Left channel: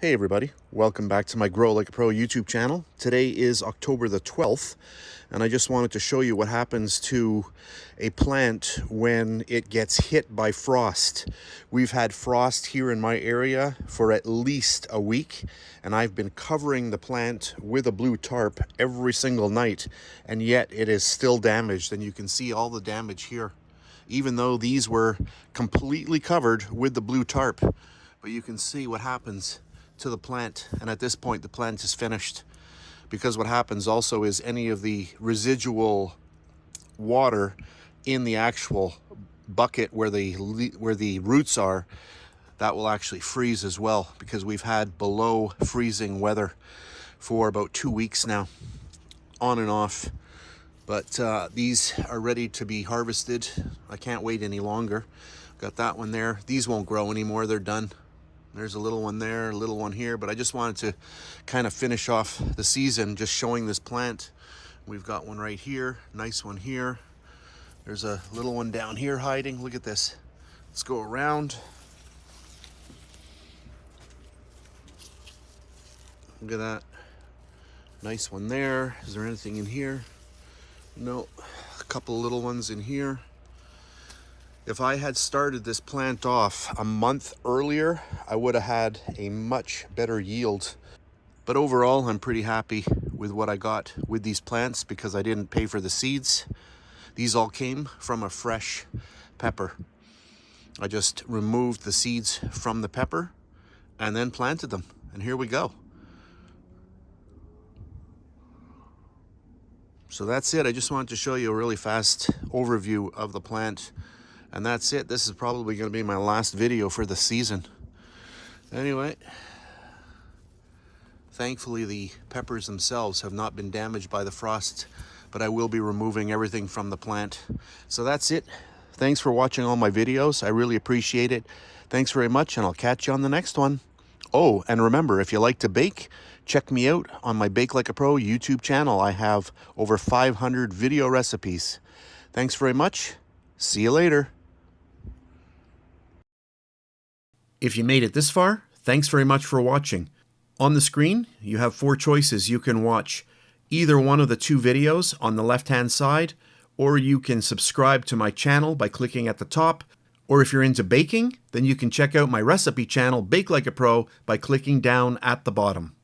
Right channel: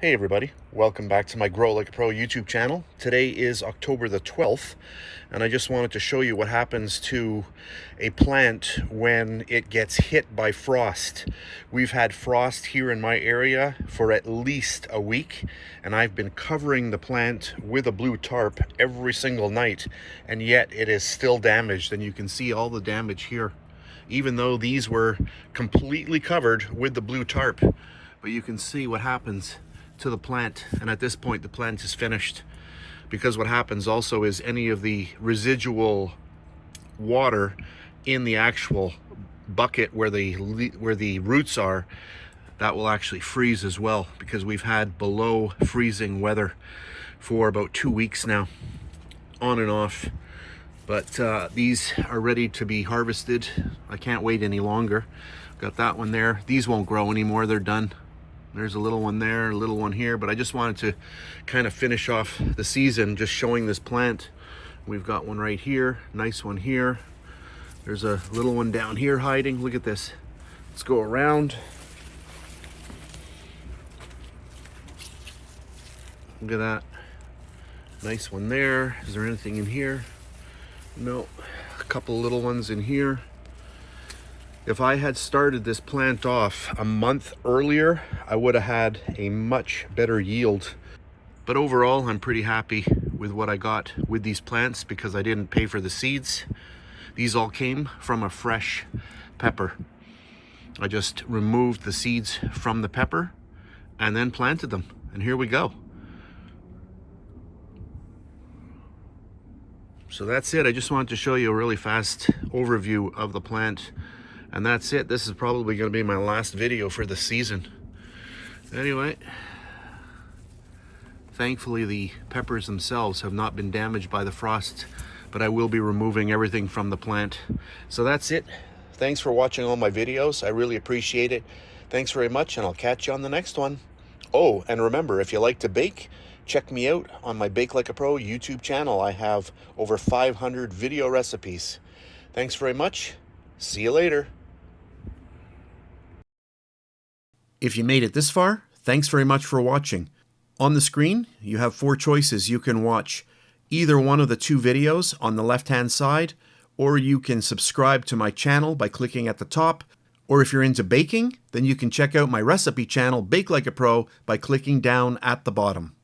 Hey everybody, welcome back to my Grow Like a Pro YouTube channel. Today is October the 12th, and I just wanted to show you what happens to a plant when it gets hit by frost. We've had frost here in my area for at least a week, and I've been covering the plant with a blue tarp every single night, and yet it is still damaged, and you can see all the damage here, even though these were completely covered with the blue tarp. But you can see what happens to the plant, and at this point the plant is finished, because what happens also is any of the residual water in the actual bucket where the roots are, that will actually freeze as well, because we've had below freezing weather for about 2 weeks now, on and off. But these are ready to be harvested. I can't wait any longer. Got that one there. These won't grow anymore, they're done. There's a little one there, a little one here, but I just wanted to kind of finish off the season just showing this plant. We've got one right here, nice one here. There's a little one down here hiding. Look at this. Let's go around. Look at that. Nice one there. Is there anything in here? No. A couple little ones in here. If I had started this plant off a month earlier, I would have had a much better yield. But overall, I'm pretty happy with what I got with these plants, because I didn't pay for the seeds. These all came from a fresh pepper. I just removed the seeds from the pepper and then planted them. And here we go. So that's it. I just wanted to show you a really fast overview of the plant. And that's it. This is probably going to be my last video for the season. Anyway, thankfully the peppers themselves have not been damaged by the frost, but I will be removing everything from the plant. So that's it. Thanks for watching all my videos. I really appreciate it. Thanks very much, and I'll catch you on the next one. Oh, and remember, if you like to bake, check me out on my Bake Like a Pro YouTube channel. I have over 500 video recipes. Thanks very much. See you later. If you made it this far, thanks very much for watching. On the screen, you have 4 choices. You can watch either one of the 2 videos on the left-hand side, or you can subscribe to my channel by clicking at the top, or if you're into baking, then you can check out my recipe channel, Bake Like a Pro, by clicking down at the bottom.